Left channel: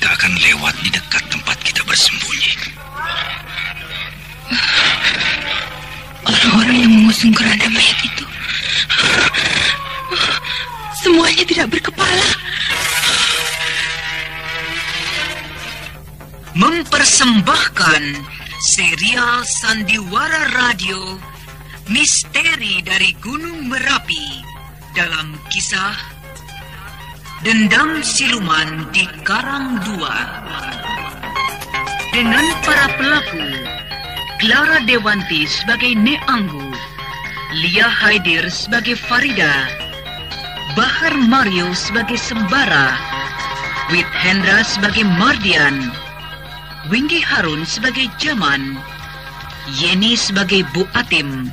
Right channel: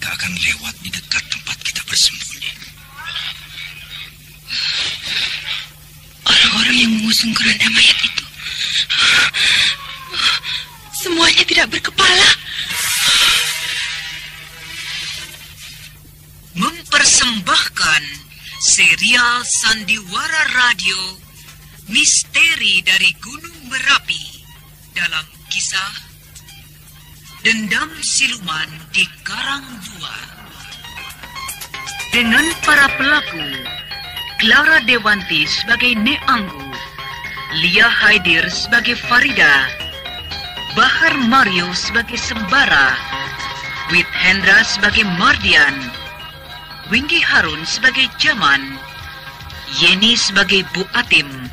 mereka akan lewat di dekat tempat kita bersembunyi. Orang-orang yang mengusung keranda mayat itu semuanya tidak berkepala. Mempersembahkan serial Sandiwara Radio Misteri dari Gunung Merapi dalam kisah Dendam Siluman di Karang Dua, dengan para pelaku Clara Dewanti sebagai Nek Anggu, Lia Haidir sebagai Farida, Bahar Mario sebagai Sembara, Wit Hendra sebagai Mardian, Winggi Harun sebagai Jaman, Yeni sebagai Bu Atim,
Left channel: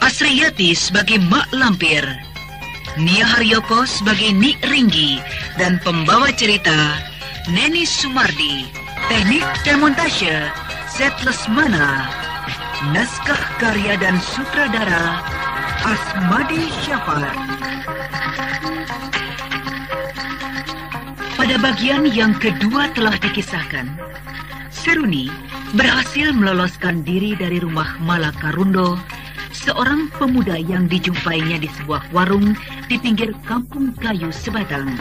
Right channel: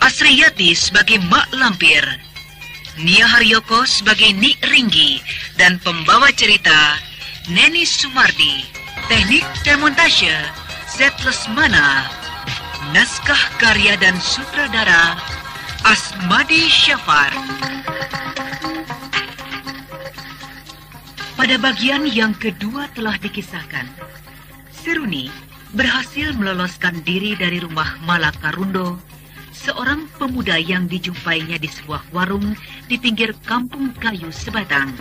Asriyati sebagai Mak Lampir, Nia Haryoko sebagai Nik Ringgi, dan pembawa cerita Neni Sumardi. Teknik dan montase Zed Lesmana. Naskah karya dan sutradara Asmadi Syafar. Pada bagian yang kedua telah dikisahkan, Seruni berhasil meloloskan diri dari rumah Malaka Rundo, seorang pemuda yang dijumpainya di sebuah warung di pinggir kampung kayu Sebatang.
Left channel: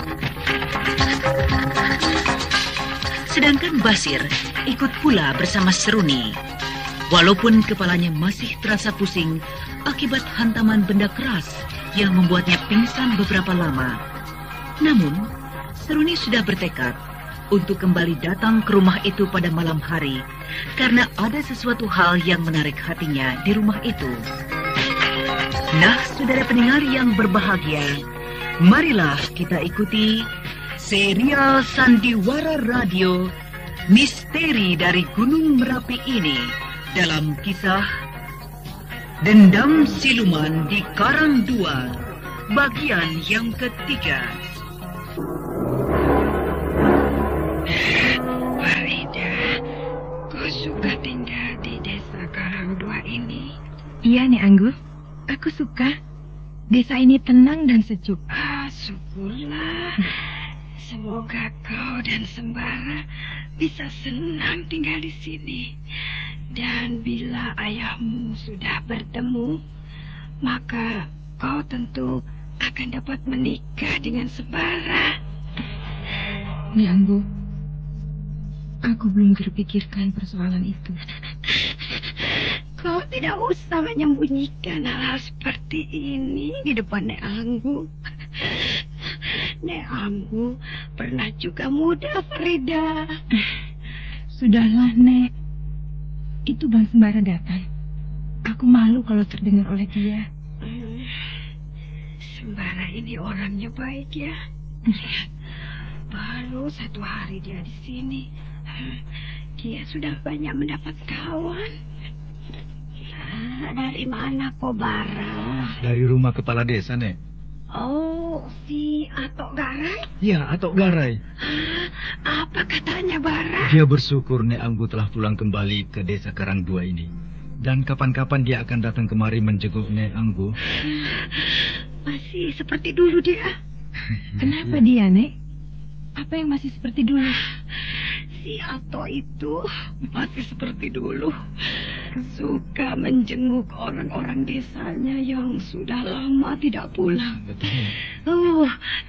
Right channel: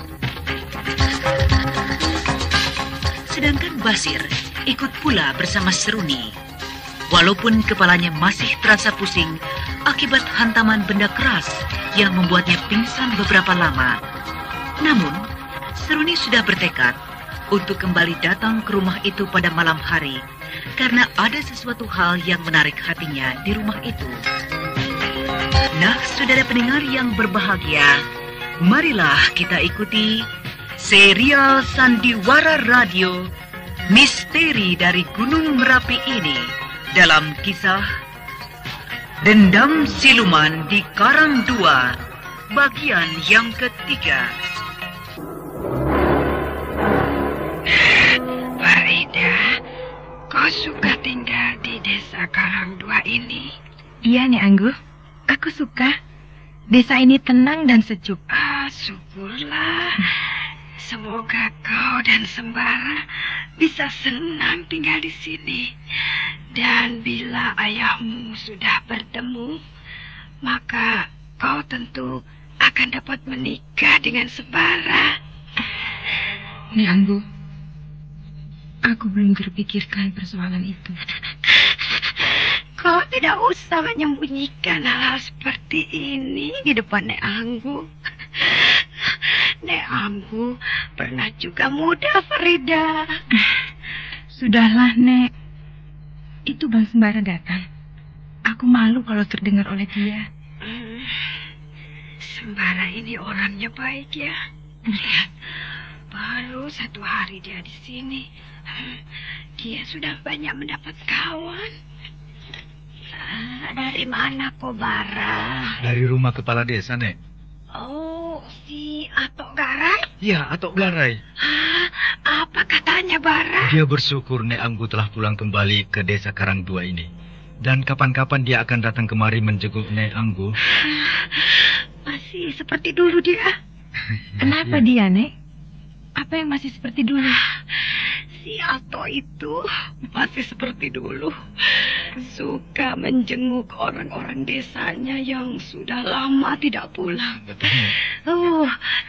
Sedangkan Basir ikut pula bersama Seruni. Walaupun kepalanya masih terasa pusing akibat hantaman benda keras yang membuatnya pingsan beberapa lama. Namun, Seruni sudah bertekad untuk kembali datang ke rumah itu pada malam hari karena ada sesuatu hal yang menarik hatinya di rumah itu. Nah, saudara pendengar yang berbahagia, marilah kita ikuti serial Sandiwara Radio Misteri dari Gunung Merapi ini dalam kisah Dendam Siluman di Karang Dua, bagian yang ketiga. Farida, kau suka tinggal di desa Karang Dua ini? Iya, Nek Anggu. Aku suka. Desa ini tenang dan sejuk. Syukurlah. Semoga kau dan Sembara bisa senang tinggal di sini. Dan bila ayahmu sudah bertemu, maka kau tentu akan dapat menikah dengan Sembara. Nek Anggu, aku belum terpikirkan persoalan itu. Kau tidak usah menyembunyikan hal-hal seperti ini di depan Nek Anggu. Nek Anggu pernah juga muda, Farida. Sudahlah, Nek. Itu Bang Sembara datang. Aku malu kalau terdengar oleh dia. Sembara ini orangnya baik ya. Lihat, baru 1 hari dia di sini. Dia sudah banyak mendapat kawan. Dari mana kau, Bara? Dari rumah kepala desa, Nek. Oh, si Atok Garai? Ya, Atok Garai. Apa katanya, Bara? Dia bersyukur Nek Anggu telah pulang kembali ke desa Karang Dua ini. Dan kapan-kapan dia akan datang kemari menjenguk Nek Anggu. Masih seperti dulu dia. Kenapa dia, Nek? Apa yang masih seperti dulu? Si Atok itu masih seperti dulu. Suka menjenguk orang-orang desanya yang sudah lama tidak pulang.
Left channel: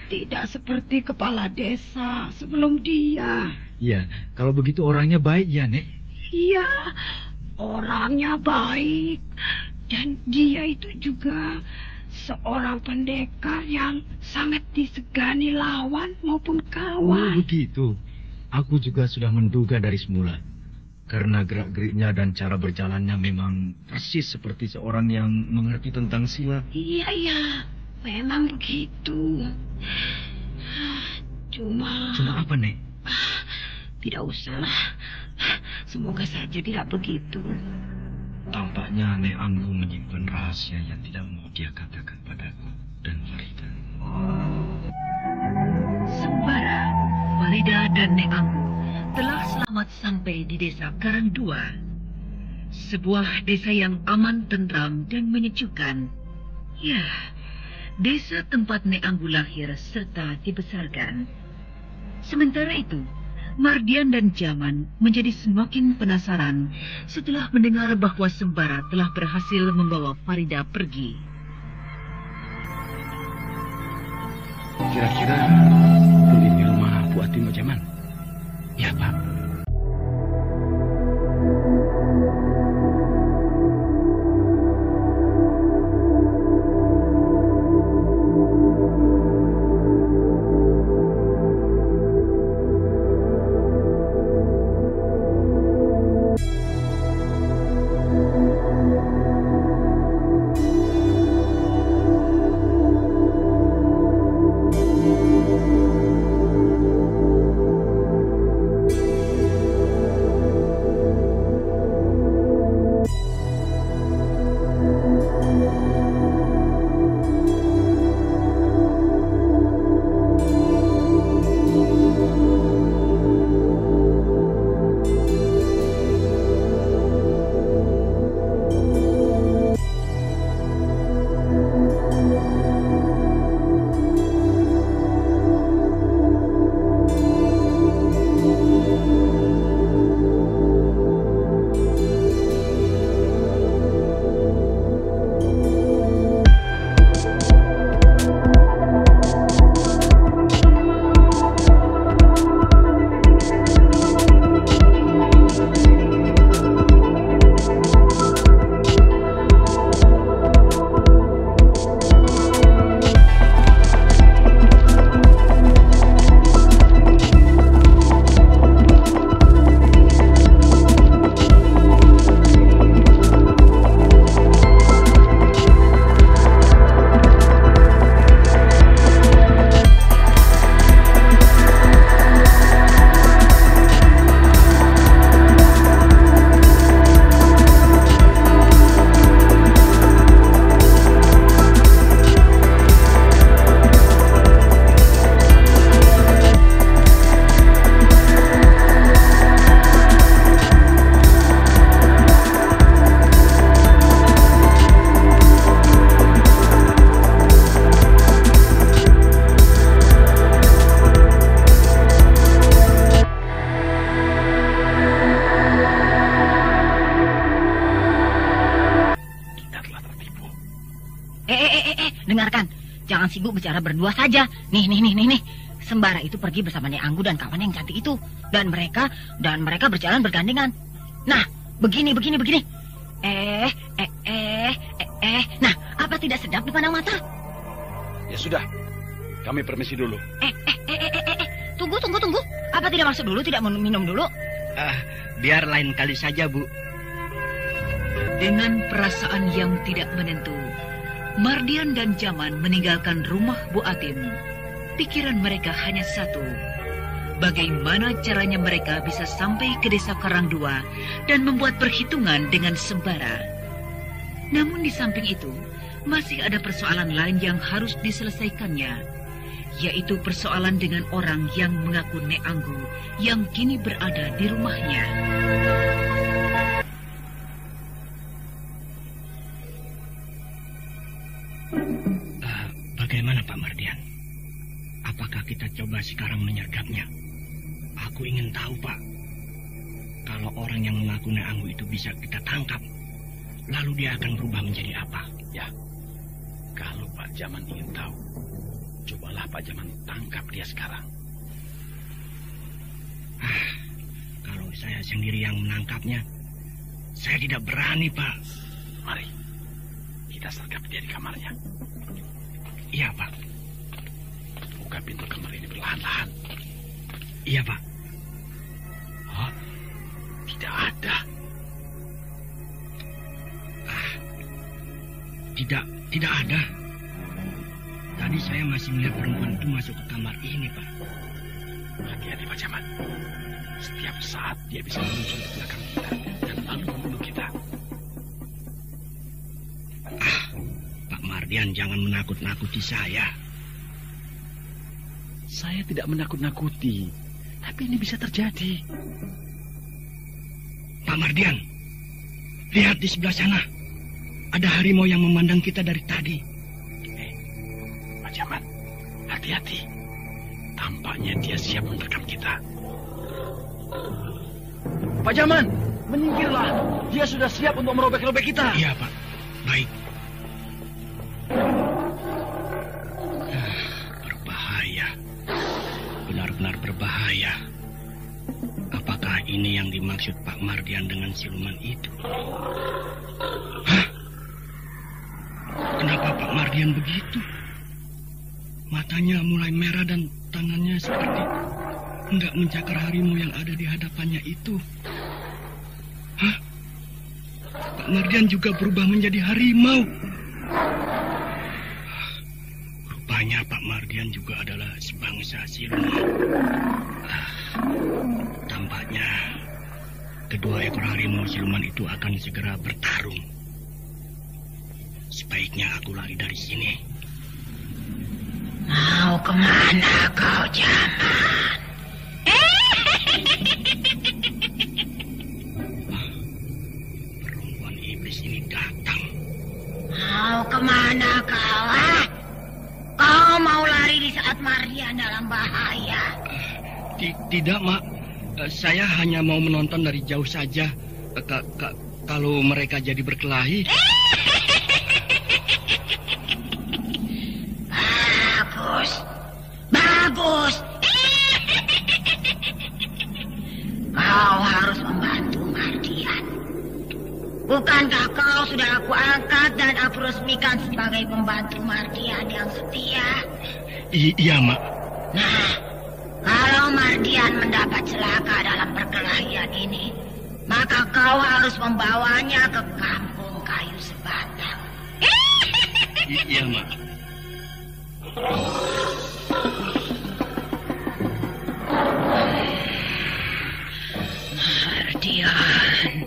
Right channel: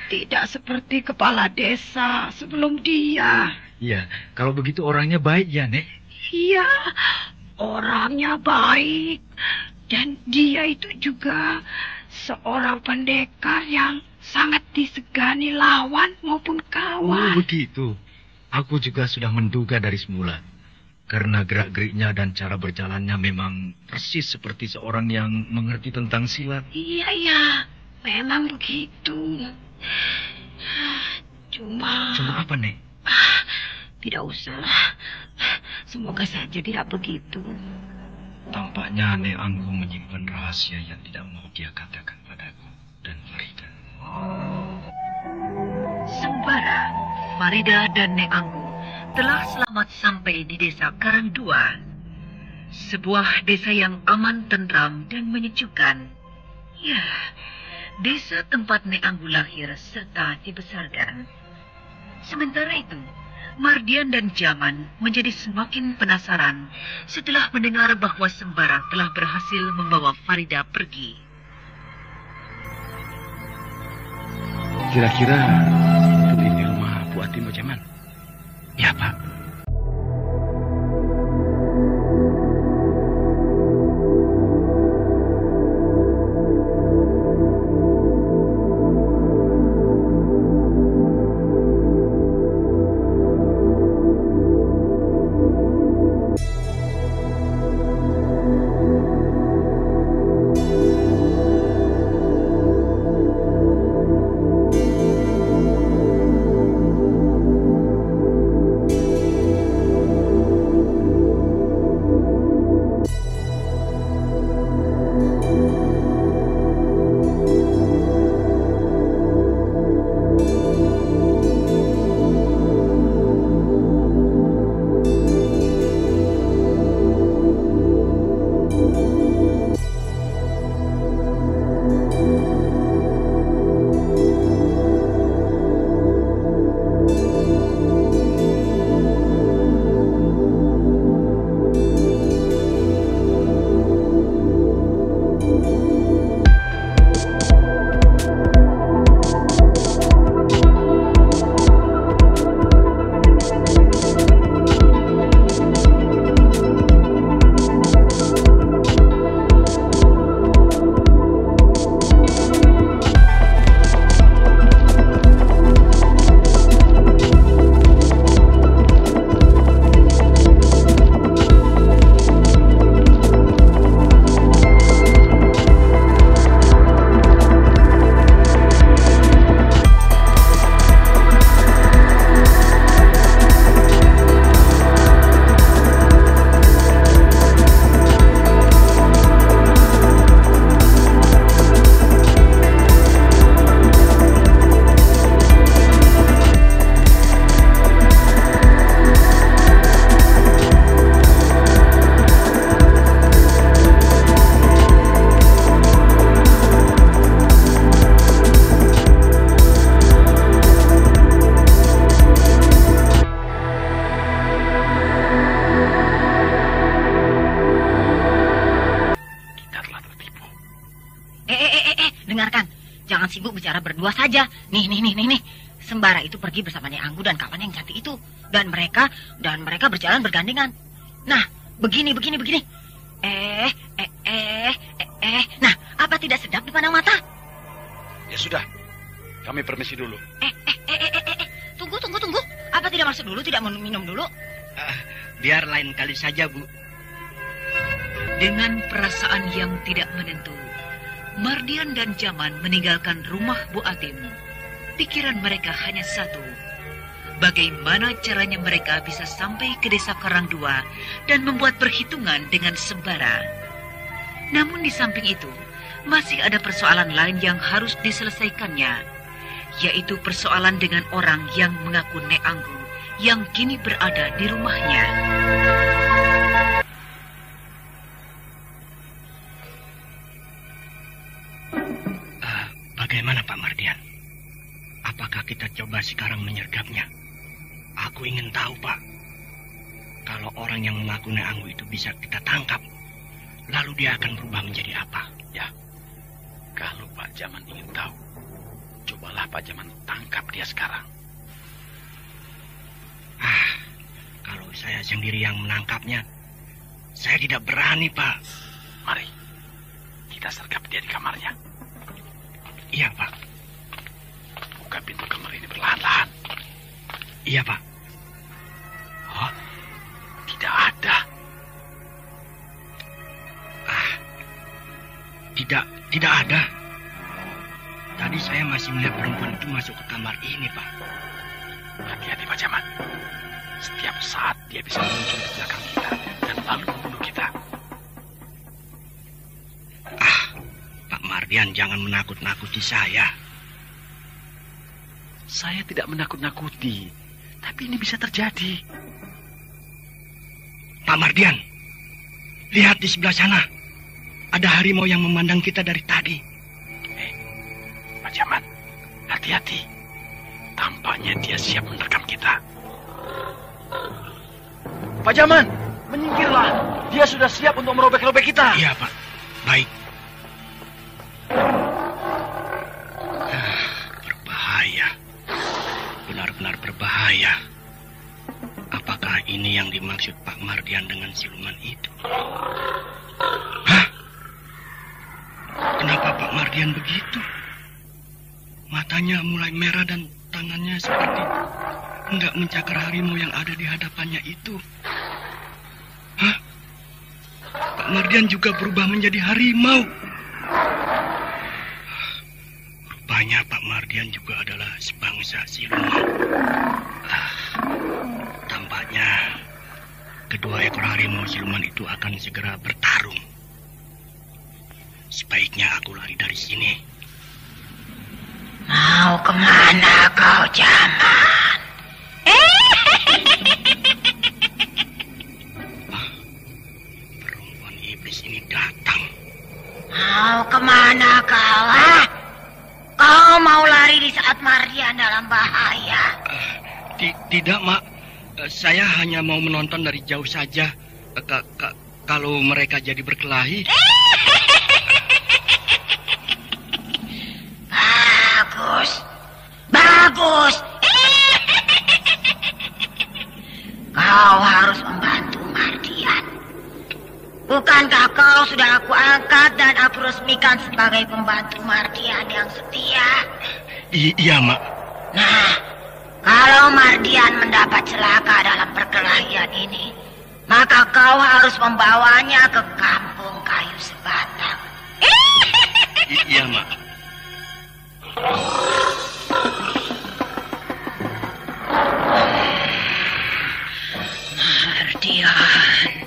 Tidak seperti kepala desa sebelum dia. Iya, kalau begitu orangnya baik ya, Nek? Iya, orangnya baik. Dan dia itu juga seorang pendekar yang sangat disegani lawan maupun kawan. Oh, begitu. Aku juga sudah menduga dari semula. Karena gerak-geriknya dan cara berjalannya memang persis seperti seorang yang mengerti tentang silat. Iya, memang begitu. Cuma apa, Nek? Tidak usah. Semoga saja tidak begitu. Tampaknya Nek Anggu menyimpan rahasia yang tidak mau dia katakan padaku dan Farida. Sembara, Farida dan Nek Anggu telah selamat sampai di desa Karang Dua. Sebuah desa yang aman, tentram, dan menyejukkan. Ya, desa tempat Nek Anggu lahir serta dibesarkan. Sementara itu, Mardian dan Jaman menjadi semakin penasaran setelah mendengar bahwa Sembara telah berhasil membawa Farida pergi. Kira-kira betul ini rumah Bu Atim, Pak Jaman? Ya, Pak. Dengarkan, jangan sibuk bicara berdua saja. Nih. Sembara itu pergi bersama Nek Anggu dan kawan yang cantik itu. Dan mereka berjalan bergandengan. Nah, begini. Nah, apa tidak sedap dipandang mata? Ya sudah, kami permisi dulu. Tunggu. Apa tidak masuk dulu, tidak minum dulu? Biar lain kali saja, Bu. Dengan perasaan yang tidak menentu, Mardian dan Jaman meninggalkan rumah Bu Atim. Pikiran mereka hanya satu. Bagaimana caranya mereka bisa sampai ke desa Karangdua dan membuat perhitungan dengan Sembara. Namun di samping itu, masih ada persoalan lain yang harus diselesaikannya, yaitu persoalan dengan orang yang mengaku Nek Anggu yang kini berada di rumahnya. Bagaimana Pak Mardian? Apakah kita coba sekarang menyergapnya? Aku ingin tahu, Pak. Kalau orang yang mengaku Nek Anggu itu bisa kita tangkap, lalu dia akan berubah menjadi apa? Ya, kalau Pak Jaman ingin tahu, cobalah Pak Jaman tangkap dia sekarang. Kalau saya sendiri yang menangkapnya, saya tidak berani, Pak. Mari, kita sergap dia di kamarnya. Iya, Pak. Buka pintu kamar ini perlahan-lahan. Iya, Pak. Oh, tidak ada. Tidak ada. Tadi saya masih melihat perempuan itu masuk ke kamar ini, Pak. Hati-hati, Pak Jaman. Setiap saat dia bisa muncul di belakang kita dan lalu membunuh kita. Pak Mardian, jangan menakut-nakuti saya. Saya tidak menakut-nakuti, tapi ini bisa terjadi. Pak Mardian, lihat di sebelah sana. Ada harimau yang memandang kita dari tadi. Pak Jaman, hati-hati. Tampaknya dia siap menerkam kita. Pajaman, menyingkirlah. Dia sudah siap untuk merobek-robek kita. Iya, Pak. Baik. Berbahaya. Benar-benar berbahaya. Apakah ini yang dimaksud Pak Mardian dengan siluman itu? Hah? Kenapa Pak Mardian begitu? Matanya mulai merah dan tangannya seperti hendak mencakar harimau yang ada di hadapannya itu. Hah? Pak Mardian juga berubah menjadi harimau. Rupanya Pak Mardian juga adalah sebangsa siluman. Tampaknya kedua ekor harimau siluman itu akan segera bertarung. Sebaiknya aku lari dari sini. Mau kemana kau, Jaman? Perempuan iblis ini datang. Mau kemana kau, ah? Kau mau lari di saat Mardian dalam bahaya? Tidak, Mak. Saya hanya mau menonton dari jauh saja. Kalau mereka jadi berkelahi. Bagus. Kau harus membantu Mardian. Bukankah kau sudah aku angkat dan aku resmikan sebagai pembantu Mardian yang setia? Iya, Mak. Nah, kalau Mardian mendapat celaka dalam perkelahian ini, maka kau harus membawanya ke kampung kayu sebatang. Iya, Mak. Mardian,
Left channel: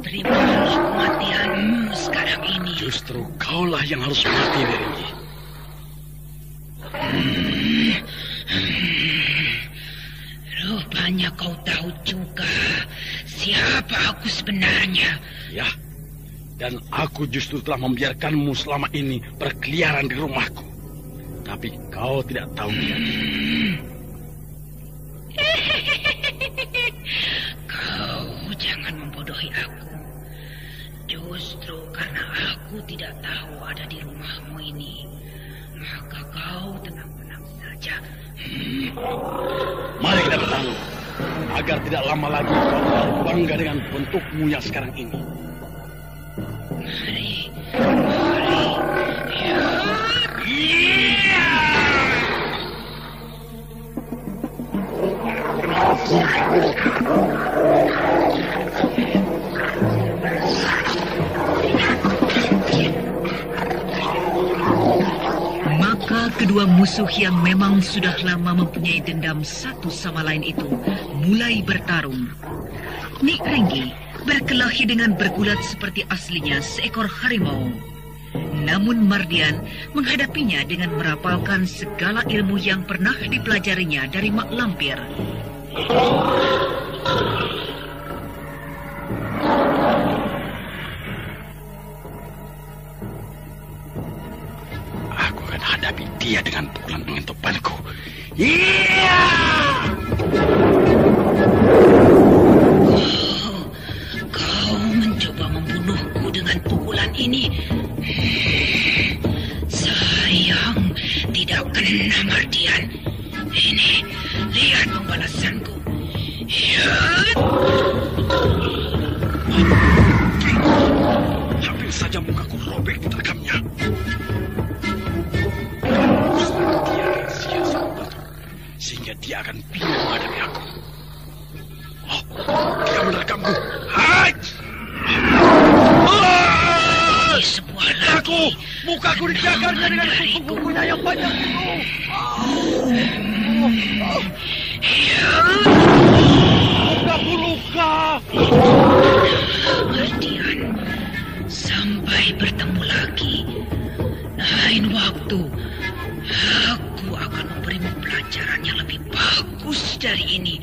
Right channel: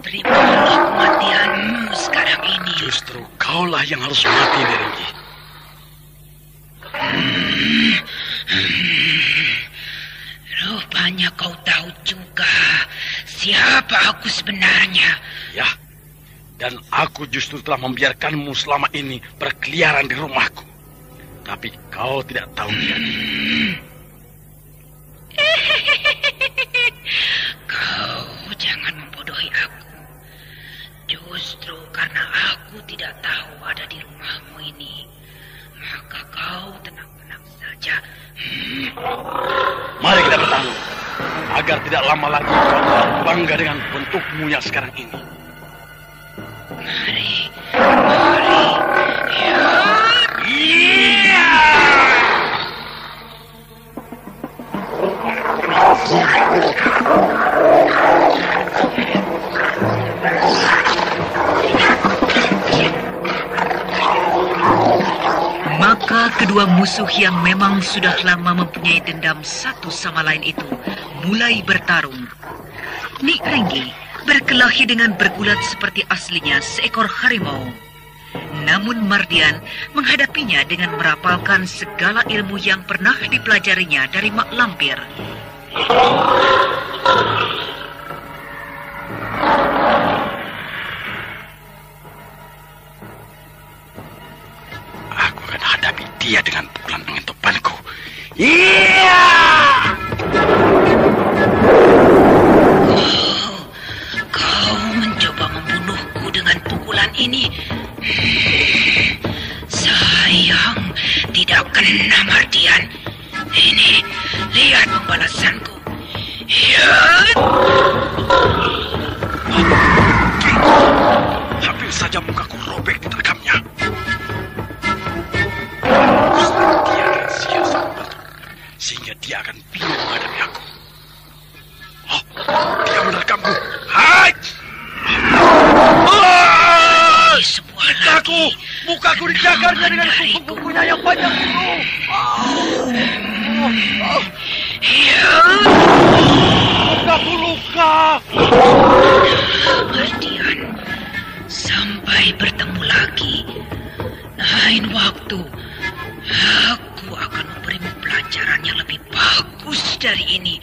terimalah kematianmu sekarang ini. Justru kaulah yang harus mati, Derengi. Rupanya kau tahu juga siapa aku sebenarnya. Ya, dan aku justru telah membiarkanmu selama ini berkeliaran di rumahku. Tapi kau tidak tahu dia. Kau jangan membodohi aku. Justru karena aku tidak tahu ada di rumahmu ini, maka kau tenang-tenang saja. Mari kita bertarung, agar tidak lama lagi kau bangga dengan bentukmu yang sekarang ini. Mari. Maka kedua musuh yang memang sudah lama mempunyai dendam satu sama lain itu mulai bertarung. Nik Renggi berkelahi dengan bergulat seperti aslinya seekor harimau. Namun Mardian menghadapinya dengan merapalkan segala ilmu yang pernah dipelajarinya dari Mak Lampir. Aku akan hadapi dia dengan pukulan angin topanku. Iya! Kau mencoba membunuhku dengan pukulan ini. Sayang, tidak kena Mardian. Ini, lihat pembalasanku. Ya. Hampir saja mukaku robek diterkamnya. Dia akan sia-sia sehingga dia akan bingung menghadapi aku. Oh, dia menerkamku. Hai! Sebuah lagi. Mukaku dijagarnya dengan kuku-kukunya yang banyak itu. Mukaku luka. Mardian, sampai bertemu lagi. Lain waktu, aku akan memberimu pelajaran yang lebih bagus dari ini.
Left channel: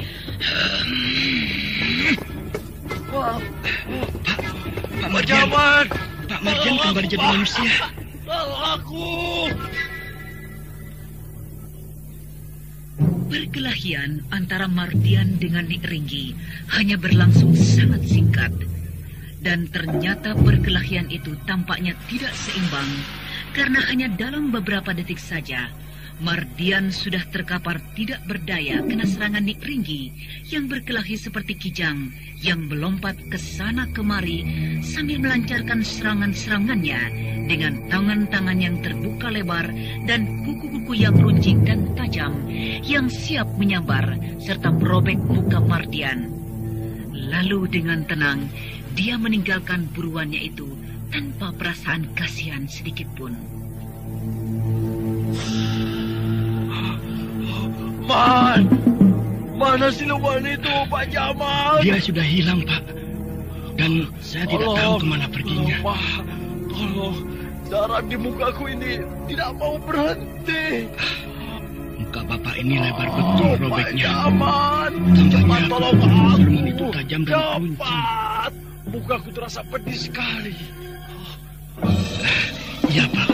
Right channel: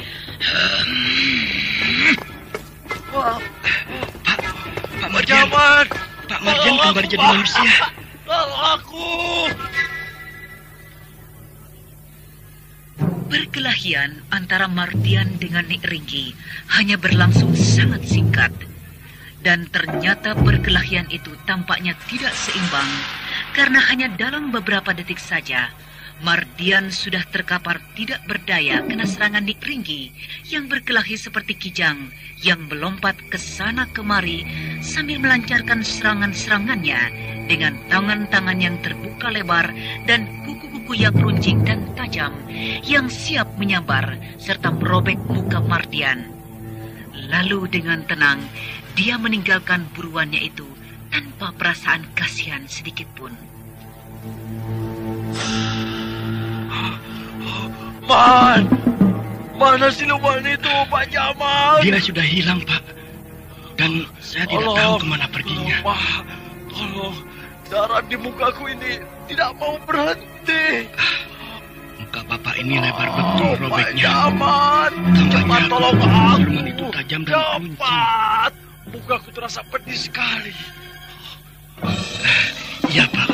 Pak Mardian. Pak Mardian kembali jadi manusia. Tolong aku. Perkelahian antara Mardian dengan Nik Ringgi hanya berlangsung sangat singkat. Dan ternyata perkelahian itu tampaknya tidak seimbang karena hanya dalam beberapa detik saja Mardian sudah terkapar tidak berdaya kena serangan Nik Ringgi yang berkelahi seperti kijang yang melompat ke sana kemari sambil melancarkan serangan-serangannya dengan tangan-tangan yang terbuka lebar dan kuku-kuku yang runcing dan tajam yang siap menyambar serta merobek muka Mardian. Lalu dengan tenang dia meninggalkan buruannya itu tanpa perasaan kasihan sedikit pun. Mana siluman itu, Pak Jamal? Dia sudah hilang, Pak. Dan saya tidak tahu kemana perginya. Tolong, darah di mukaku ini tidak mau berhenti. Muka Bapak ini lebar betul robeknya. Cepat tolong aku. Siluman itu tajam dan runcing. Mukaku terasa pedih sekali. Iya, Pak.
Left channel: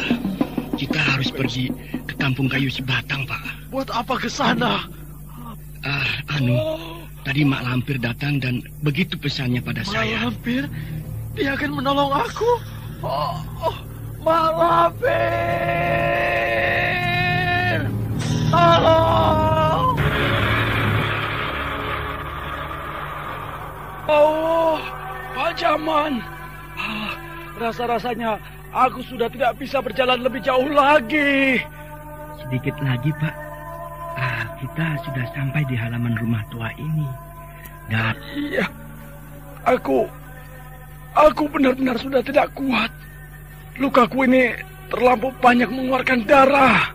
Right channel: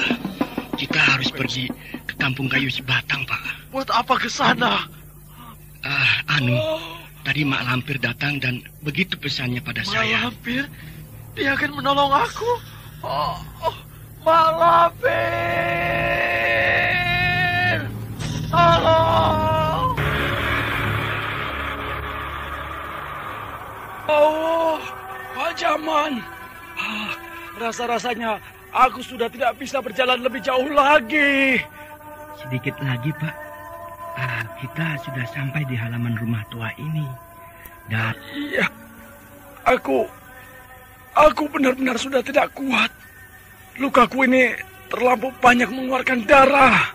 Kita harus pergi ke kampung kayu sebatang, Pak. Buat apa ke sana? Tadi Mak Lampir datang dan begitu pesannya pada saya. Mak Lampir? Dia akan menolong aku? Mak Lampir! Tolong! Pak Jaman. Rasa-rasanya aku sudah tidak bisa berjalan lebih jauh lagi. Sedikit lagi, Pak. Kita sudah sampai di halaman rumah tua ini. Dan iya, aku benar-benar sudah tidak kuat. Lukaku ini terlampau banyak mengeluarkan darah.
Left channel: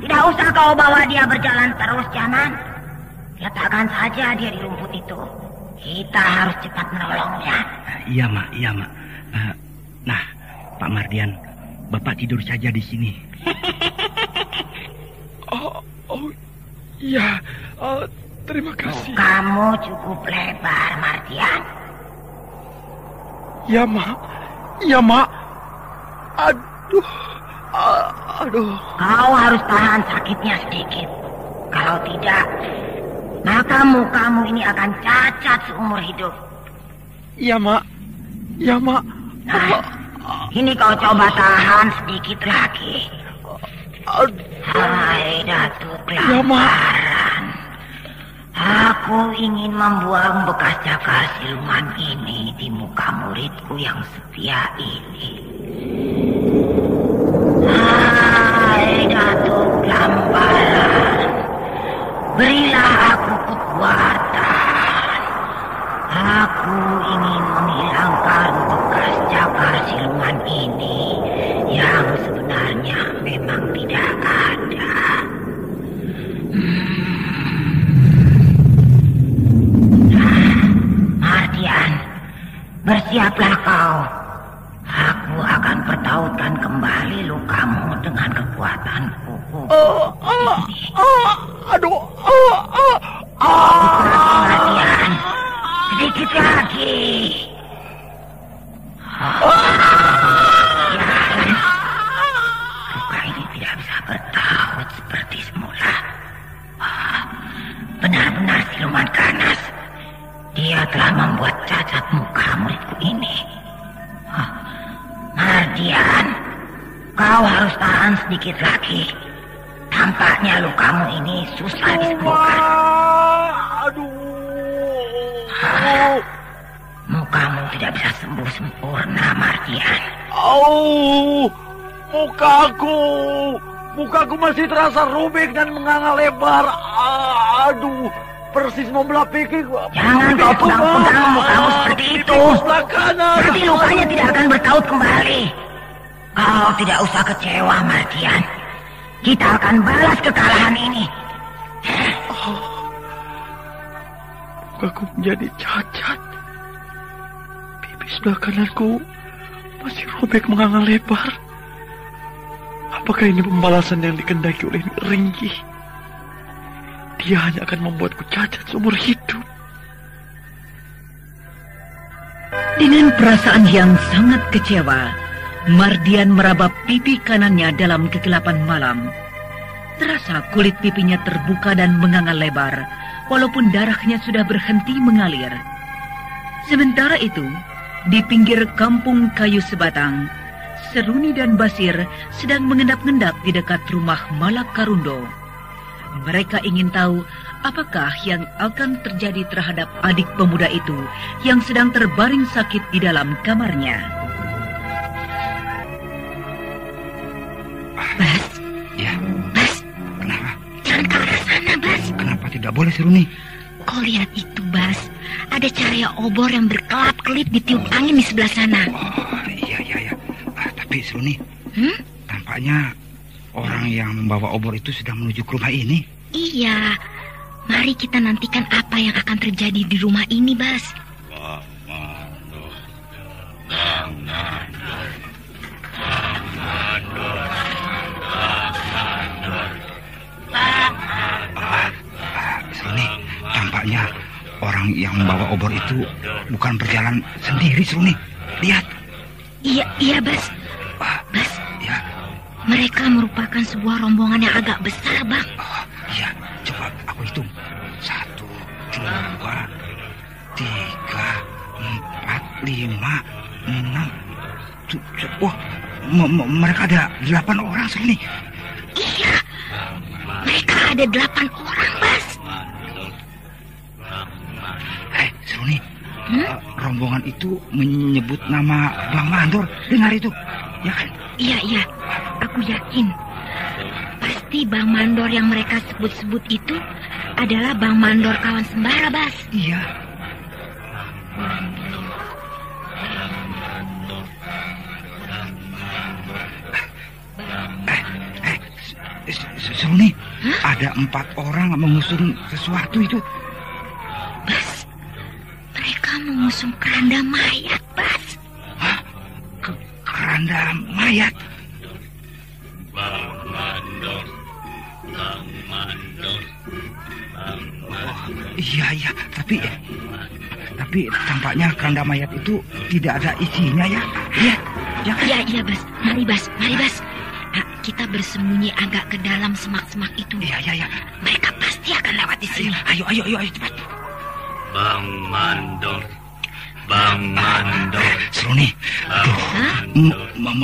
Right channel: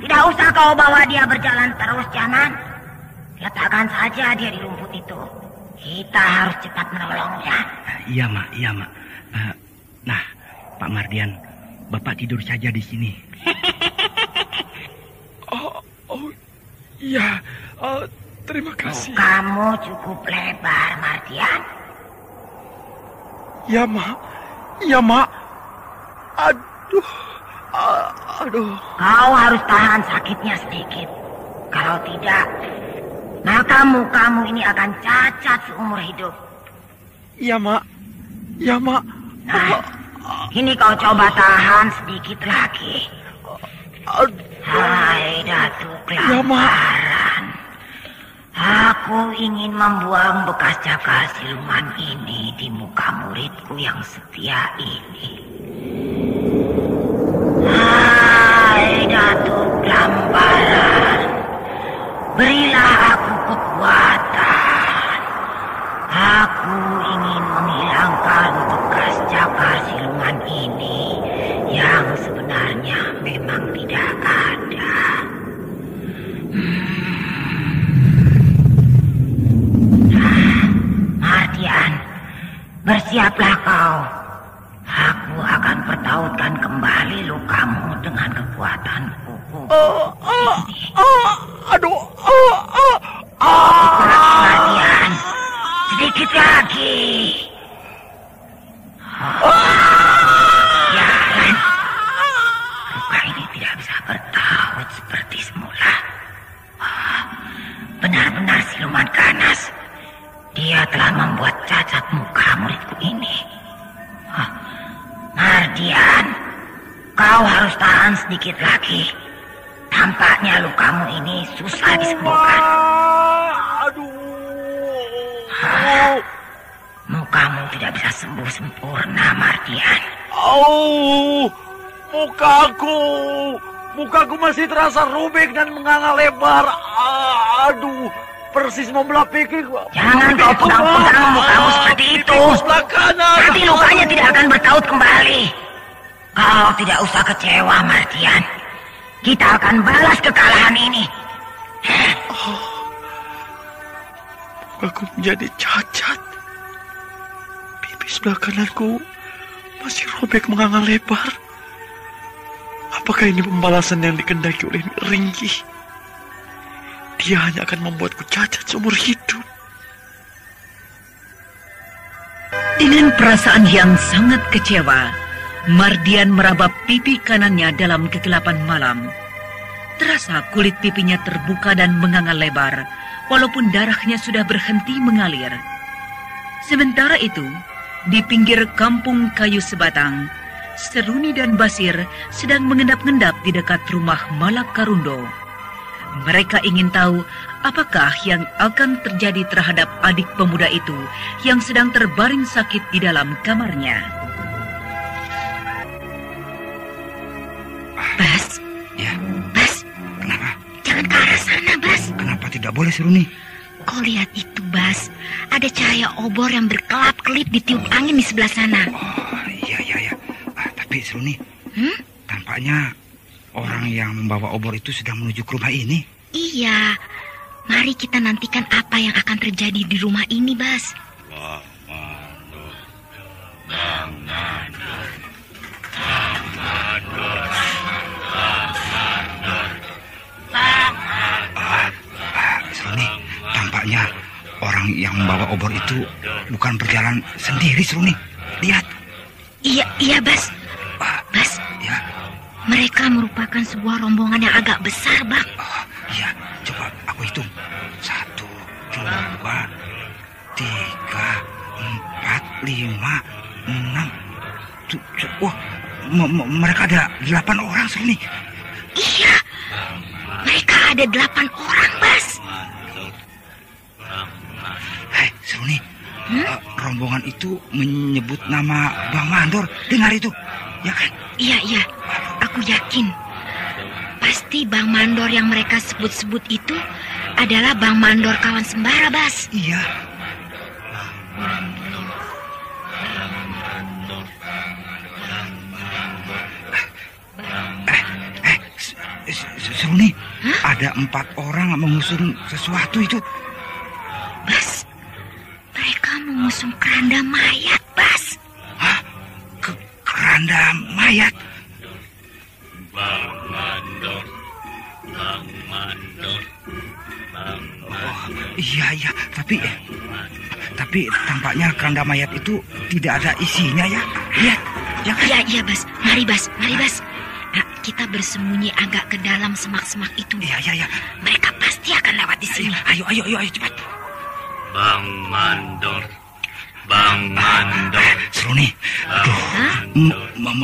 Tidak usah kau bawa dia berjalan terus, Jaman. Letakkan saja dia di rumput itu. Kita harus cepat menolongnya. Iya, Mak. Nah, Pak Mardian, Bapak tidur saja di sini. Iya. Terima kasih. Kamu cukup lebar, Mardian. Ya, Mak. Aduh. Kau harus tahan sakitnya sedikit. Kalau tidak, maka mukamu ini akan cacat seumur hidup. Ya, Mak. Nah, ini kau coba tahan sedikit lagi. Hai, Datuk Kelaparan. Aku ingin membuang bekas cakar siluman ini di muka muridku yang setia ini. Hai, Datuk Kelaparan. Berilah aku kekuatan. Aku ingin menghilangkan bekas cakar siluman ini yang sebenarnya memang tidak ada. Mardian, bersiaplah kau. Aku akan pertautkan kembali lukamu dengan kekuatanku. Mardian, sedikit lagi. Jalan. Luka ini tidak bisa bertaut seperti semula. Benar-benar siluman ganas. Dia telah membuat cacat muka muridku ini. Mardian, kau harus tahan sedikit lagi. Tampaknya lukamu ini susah disembuhkan. Mukamu tidak bisa sembuh sempurna, Mardian. Mukaku masih terasa robek dan menganga lebar. Persis mau belah pikir. Jangan kau pegang-pegang mukamu seperti itu. Nanti lukanya tidak akan bertaut kembali. Kau tidak usah kecewa, Mardian. Kita akan balas kekalahan ini. Mukaku menjadi cacat. Pipi sebelah kananku masih robek menganga lebar. Apakah ini pembalasan yang dikehendaki oleh Ringgi? Dia hanya akan membuatku cacat seumur hidup. Dengan perasaan yang sangat kecewa, Mardian meraba pipi kanannya dalam kegelapan malam. Terasa kulit pipinya terbuka dan menganga lebar, walaupun darahnya sudah berhenti mengalir. Sementara itu, di pinggir kampung kayu sebatang, Seruni dan Basir sedang mengendap-endap di dekat rumah Malak Karundo. Mereka ingin tahu apakah yang akan terjadi terhadap adik pemuda itu yang sedang terbaring sakit di dalam kamarnya. Bas, Ya, Bas, kenapa? jangan ke arah sana, Bas. Kenapa tidak boleh, Seruni? Kau lihat itu, Bas. Ada cahaya obor yang berkelap-kelip ditiup angin di sebelah sana. Oh, iya. Tapi, Seruni, tampaknya orang yang membawa obor itu sedang menuju ke rumah ini. Iya. Mari kita nantikan apa yang akan terjadi di rumah ini, Bas. Seruni, tampaknya orang yang membawa obor itu bukan berjalan sendiri, Seruni. Lihat. Iya, Bas. Bas, Ya, mereka merupakan sebuah rombongan yang agak besar, Bang. iya. Coba aku hitung. 1, 2, 3, 4, 5, 6. Wah, mereka ada 8 orang, Seruni. Iya, mereka ada 8 orang, Bas. Hei, Seruni. Rombongan itu menyebut nama Bang Mandor. Dengar itu, ya kan? Iya, aku yakin. Pasti Bang Mandor yang mereka sebut-sebut itu adalah Bang Mandor kawan Sembara, Bas. Iya. Seruni, ada 4 orang mengusung sesuatu itu. Bas, mereka mengusung keranda mayat, Bas. Keranda mayat. Oh, iya, tapi tampaknya keranda mayat itu tidak ada isinya ya. Lihat, ya kan? Iya, Bas. Mari, Bas. Nah, kita bersembunyi agak ke dalam semak-semak itu. Iya. Mereka pasti akan lewat di sini. Ayo, cepat. Bang Mandor. Seruni, aduh,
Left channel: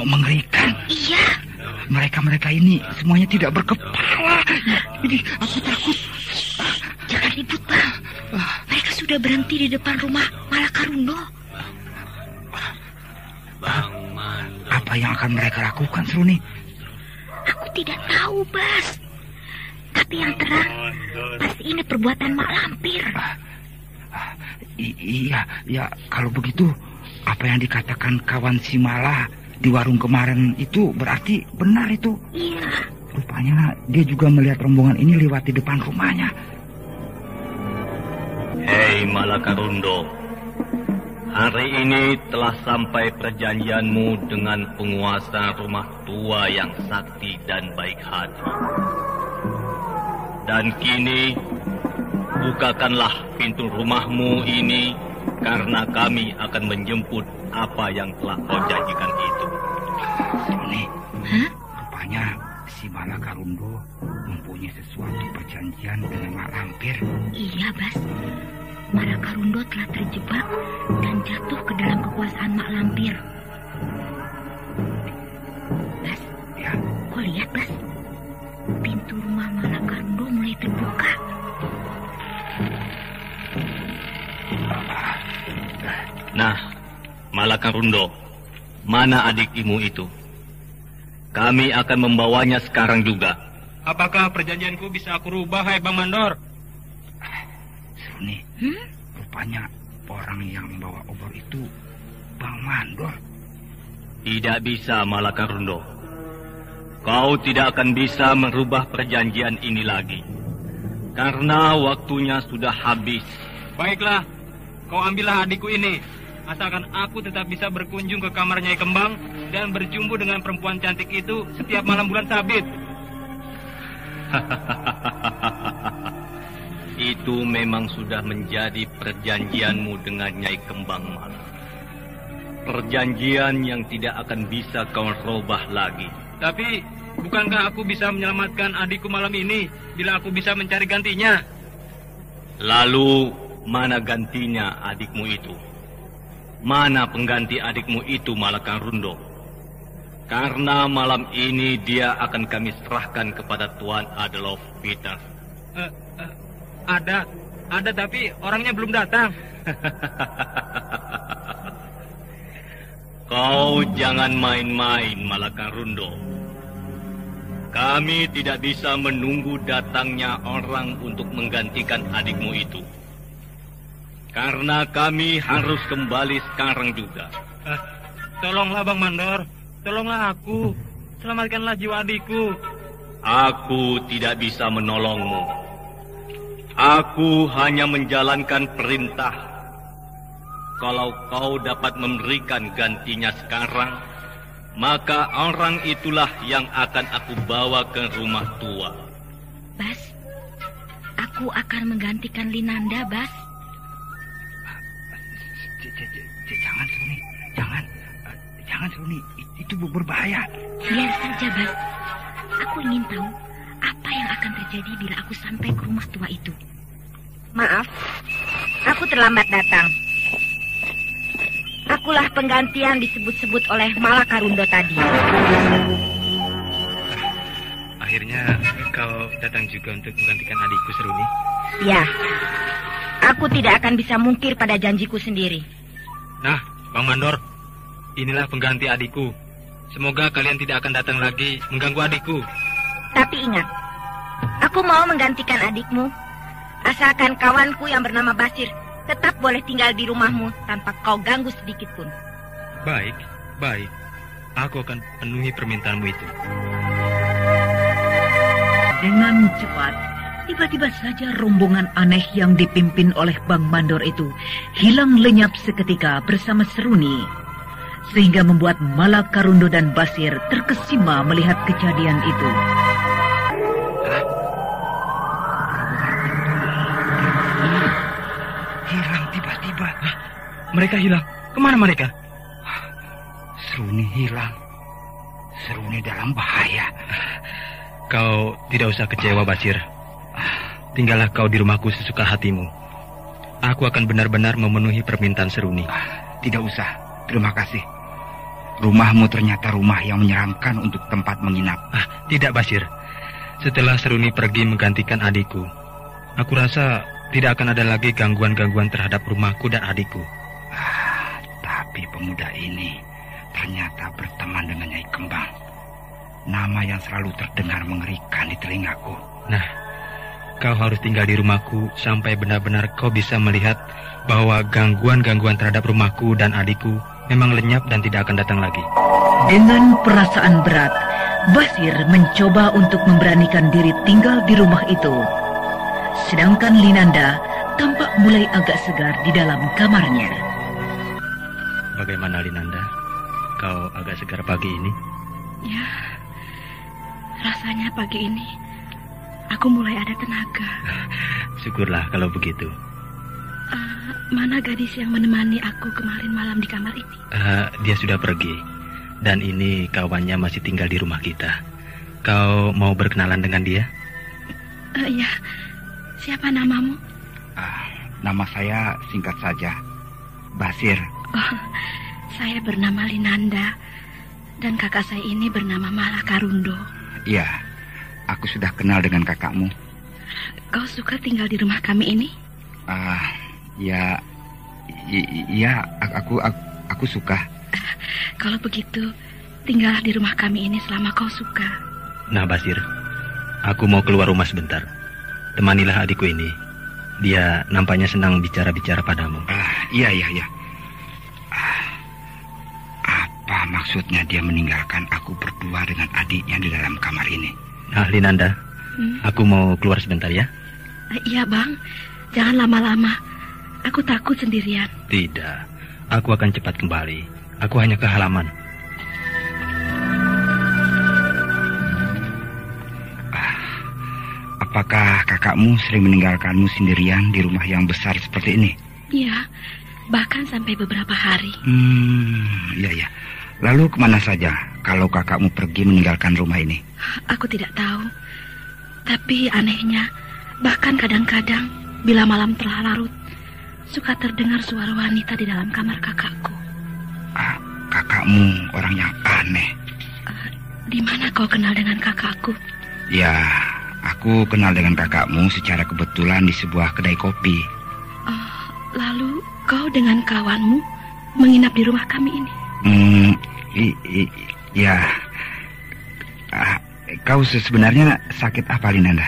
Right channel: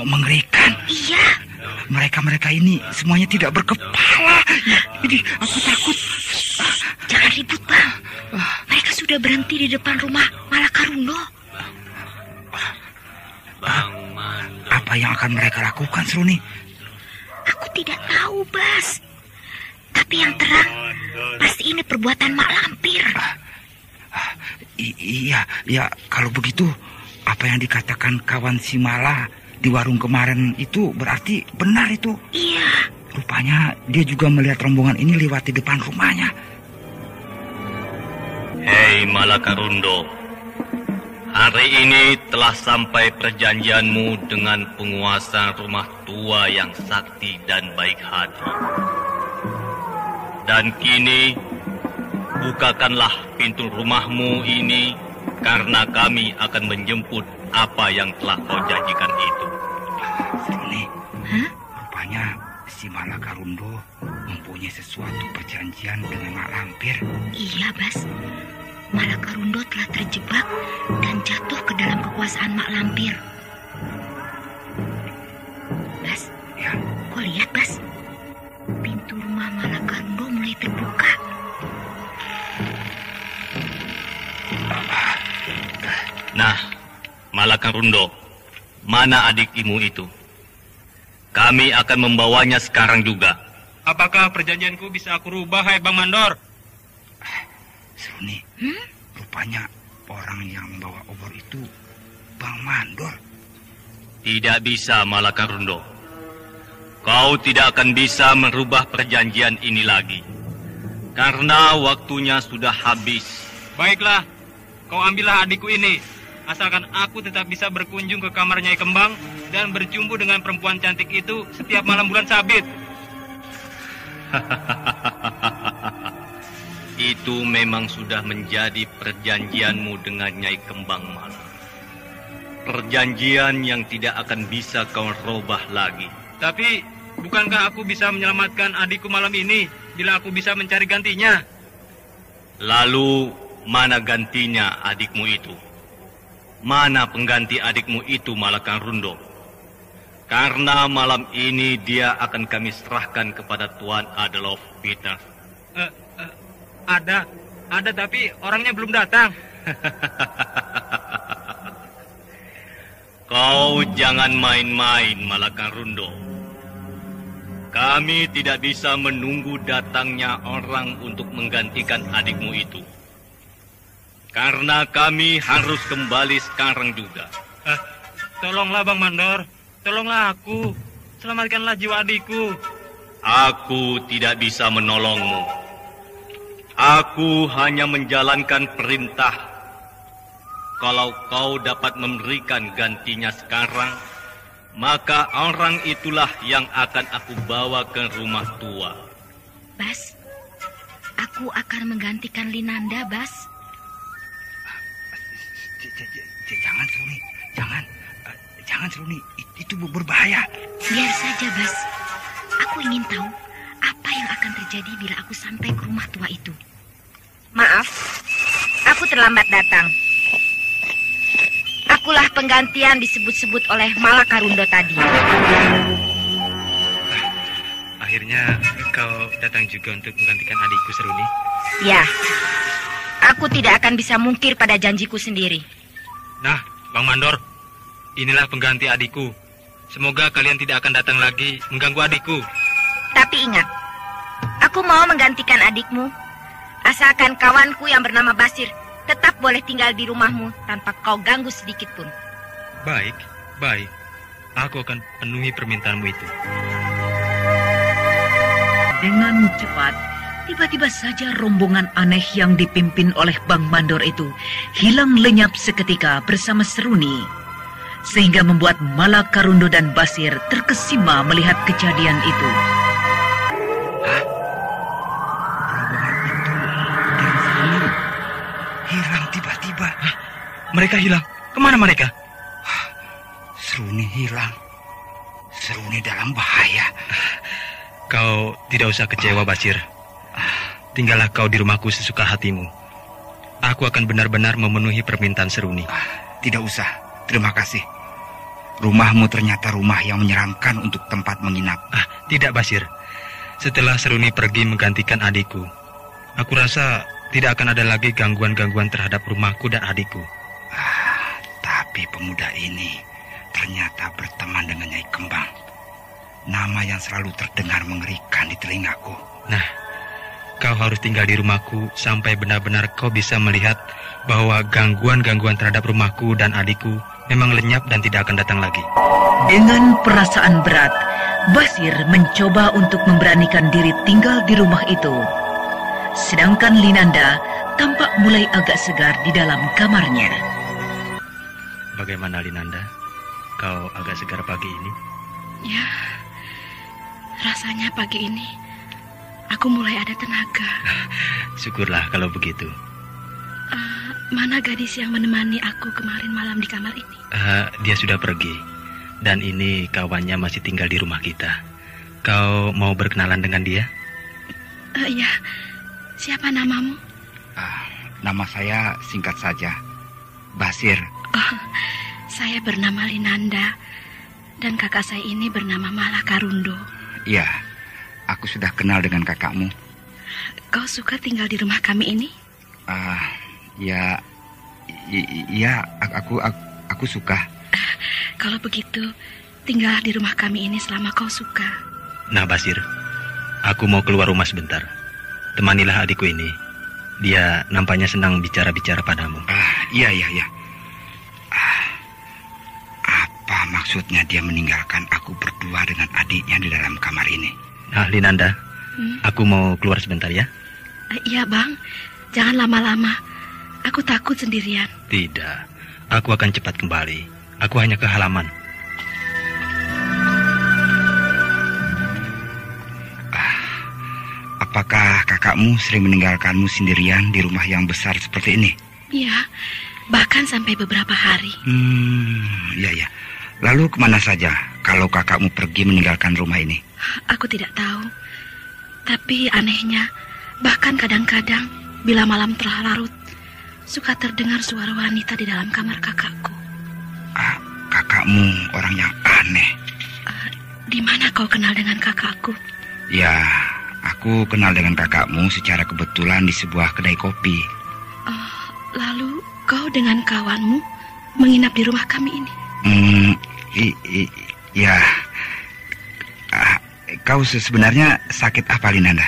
mengerikan. Iya. Mereka ini semuanya tidak berkepala. Ini aku takut. Jangan ribut, Bang. Mereka sudah berhenti di depan rumah Malak Karundo. Apa yang akan mereka lakukan, Seruni? Aku tidak tahu, Bas. Tapi yang terang, pasti ini perbuatan mak lampir. Iya, kalau begitu, apa yang dikatakan kawan si Mala di warung kemarin itu berarti benar itu. Iya. Rupanya dia juga melihat rombongan ini lewat di depan rumahnya. Hei Malakarundo, hari ini telah sampai perjanjianmu dengan penguasa rumah tua yang sakti dan baik hati. Dan kini, bukakanlah pintu rumahmu ini, karena kami akan menjemput apa yang telah kau janjikan itu. Ini, rupanya si Malakarundo mempunyai sesuatu perjanjian dengan mak lampir. Iya, Bas. Malak Karundo telah terjebak dan jatuh ke dalam kekuasaan mak lampir. Bas, Ya, kau lihat, Bas? Pintu rumah Malak Karundo mulai terbuka. Nah, Malakarundo, mana adik imu itu? Kami akan membawanya sekarang juga. Apakah perjanjianku bisa aku rubah, hai Bang Mandor? Seruni, rupanya orang yang membawa obor itu Bang Mandor. Tidak bisa, Malakarundo. Kau tidak akan bisa merubah perjanjian ini lagi. Karena waktunya sudah habis. Baiklah, kau ambillah adikku ini. Asalkan aku tetap bisa berkunjung ke kamar Nyai Kembang dan berjumpa dengan perempuan cantik itu setiap malam bulan sabit. Itu memang sudah menjadi perjanjianmu dengan Nyai Kembang Malang. perjanjian yang tidak akan bisa kau robah lagi. Tapi, bukankah aku bisa menyelamatkan adikku malam ini bila aku bisa mencari gantinya? Lalu, mana gantinya adikmu itu? Mana pengganti adikmu itu, Malakang Rundo? Karena malam ini dia akan kami serahkan kepada Tuan Adolf Peter. Ada tapi orangnya belum datang. Kau jangan main-main, Malakang Rundo. Kami tidak bisa menunggu datangnya orang untuk menggantikan adikmu itu. Karena kami harus kembali sekarang juga. Tolonglah Bang Mandor, tolonglah aku. Selamatkanlah jiwa adikku. Aku tidak bisa menolongmu. Aku hanya menjalankan perintah. Kalau kau dapat memberikan gantinya sekarang, maka orang itulah yang akan aku bawa ke rumah tua. Bas, aku akan menggantikan Linanda, Bas. Jangan, Seruni. Jangan, Seruni. Itu berbahaya. Biar saja, Bas. Aku ingin tahu apa yang akan terjadi bila aku sampai ke rumah tua itu. Maaf, aku terlambat datang. Akulah pengganti yang disebut-sebut oleh Malakang Rundo tadi. Akhirnya kau datang juga untuk menggantikan adikku, Seruni. Ya, aku tidak akan bisa mungkir pada janjiku sendiri. Nah, Bang Mandor, inilah pengganti adikku. Semoga kalian tidak akan datang lagi mengganggu adikku. Tapi ingat, aku mau menggantikan adikmu, asalkan kawanku yang bernama Basir tetap boleh tinggal di rumahmu tanpa kau ganggu sedikit pun. Baik. Aku akan penuhi permintaanmu itu. Dengan cepat, tiba-tiba saja rombongan aneh yang dipimpin oleh Bang Mandor itu hilang lenyap seketika bersama Seruni. Sehingga membuat Malakang Rundo dan Basir terkesima melihat kejadian itu. Hilang tiba-tiba. Mereka hilang. Kemana mereka? Seruni hilang. Seruni dalam bahaya. Kau tidak usah kecewa, Basir. Tinggallah kau di rumahku sesuka hatimu. Aku akan benar-benar memenuhi permintaan Seruni. Tidak usah. Terima kasih. Rumahmu ternyata rumah yang menyeramkan untuk tempat menginap. Tidak, Basir. Setelah Seruni pergi menggantikan adikku, aku rasa tidak akan ada lagi gangguan-gangguan terhadap rumahku dan adikku. Tapi pemuda ini ternyata berteman dengan Nyai Kembang. Nama yang selalu terdengar mengerikan di telingaku. Nah, kau harus tinggal di rumahku sampai benar-benar kau bisa melihat bahwa gangguan-gangguan terhadap rumahku dan adikku memang lenyap dan tidak akan datang lagi. Dengan perasaan berat, Basir mencoba untuk memberanikan diri tinggal di rumah itu. Sedangkan Linanda tampak mulai agak segar di dalam kamarnya. Bagaimana, Linanda? Kau agak segar pagi ini? Ya, rasanya pagi ini aku mulai ada tenaga. Syukurlah kalau begitu. Mana gadis yang menemani aku kemarin malam di kamar ini? Dia sudah pergi. Dan ini kawannya masih tinggal di rumah kita. Kau mau berkenalan dengan dia? Ya. Siapa namamu? Nama saya singkat saja, Basir. Saya bernama Linanda. Dan kakak saya ini bernama Malakang Rundo. Iya, aku sudah kenal dengan kakakmu. Kau suka tinggal di rumah kami ini? Ya, aku suka. Kalau begitu, tinggal di rumah kami ini selama kau suka. Nah, Basir, aku mau keluar rumah sebentar. Temanilah adikku ini. Dia nampaknya senang bicara-bicara padamu. Iya. Apa maksudnya dia meninggalkan aku berdua dengan adiknya di dalam kamar ini? Nah, Linanda, aku mau keluar sebentar ya. Iya, Bang. Jangan lama-lama. Aku takut sendirian. Tidak, aku akan cepat kembali. Aku hanya ke halaman. Apakah kakakmu sering meninggalkanmu sendirian di rumah yang besar seperti ini? Iya, bahkan sampai beberapa hari. Iya. Lalu kemana saja kalau kakakmu pergi meninggalkan rumah ini? Aku tidak tahu. Tapi anehnya, bahkan kadang-kadang bila malam telah larut, suka terdengar suara wanita di dalam kamar kakakku. Kakakmu orang yang aneh. Di mana kau kenal dengan kakakku? Ya, aku kenal dengan kakakmu secara kebetulan di sebuah kedai kopi. Lalu kau dengan kawanmu menginap di rumah kami ini? Ya. Kau sebenarnya sakit apa, Linanda?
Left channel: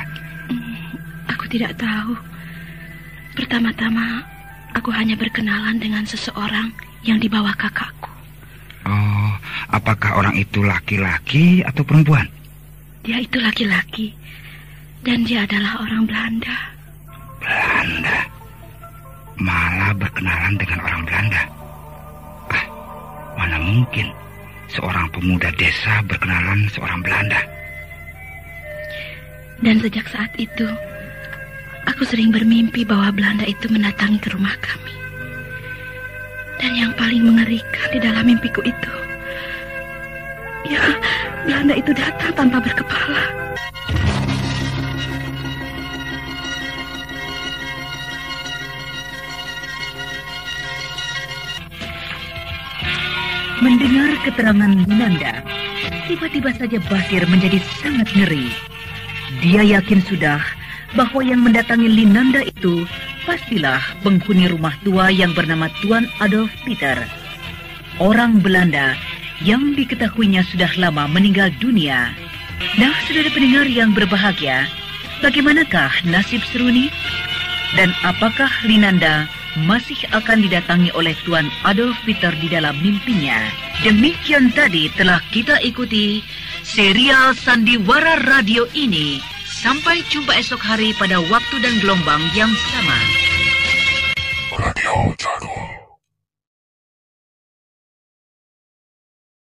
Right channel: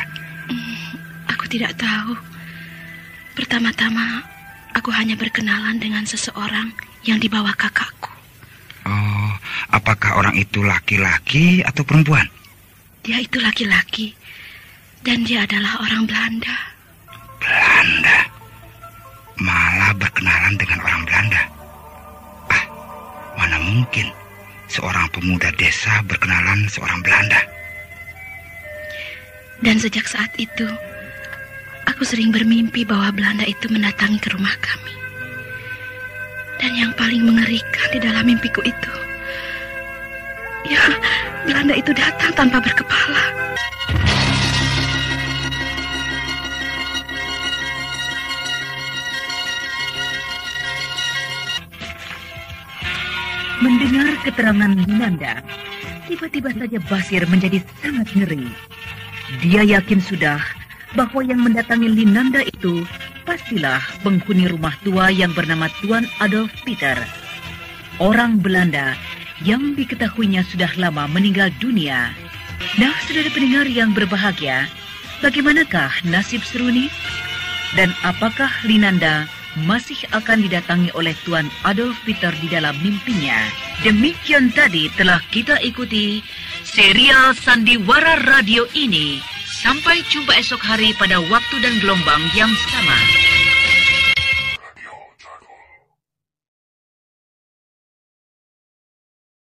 Aku tidak tahu. Pertama-tama, aku hanya berkenalan dengan seseorang yang dibawa kakakku. Oh, apakah orang itu laki-laki atau perempuan? Dia itu laki-laki, dan dia adalah orang Belanda. Belanda? Malah berkenalan dengan orang Belanda? Mana mungkin seorang pemuda desa berkenalan seorang Belanda? Dan sejak saat itu, aku sering bermimpi bahwa Belanda itu mendatangi ke rumah kami. Dan yang paling mengerikan di dalam mimpiku itu, ya, Belanda itu datang tanpa berkepala. Mendengar keterangan Linanda, tiba-tiba saja Basir menjadi sangat ngeri. Dia yakin sudah bahwa yang mendatangi Linanda itu pastilah penghuni rumah tua yang bernama Tuan Adolf Peter. Orang Belanda yang diketahuinya sudah lama meninggal dunia. Nah, saudara pendengar yang berbahagia, bagaimanakah nasib Seruni? Dan apakah Linanda masih akan didatangi oleh Tuan Adolf Peter di dalam mimpinya? Demikian tadi telah kita ikuti serial Sandiwara Radio ini. Sampai jumpa esok hari pada waktu dan gelombang yang sama. Radio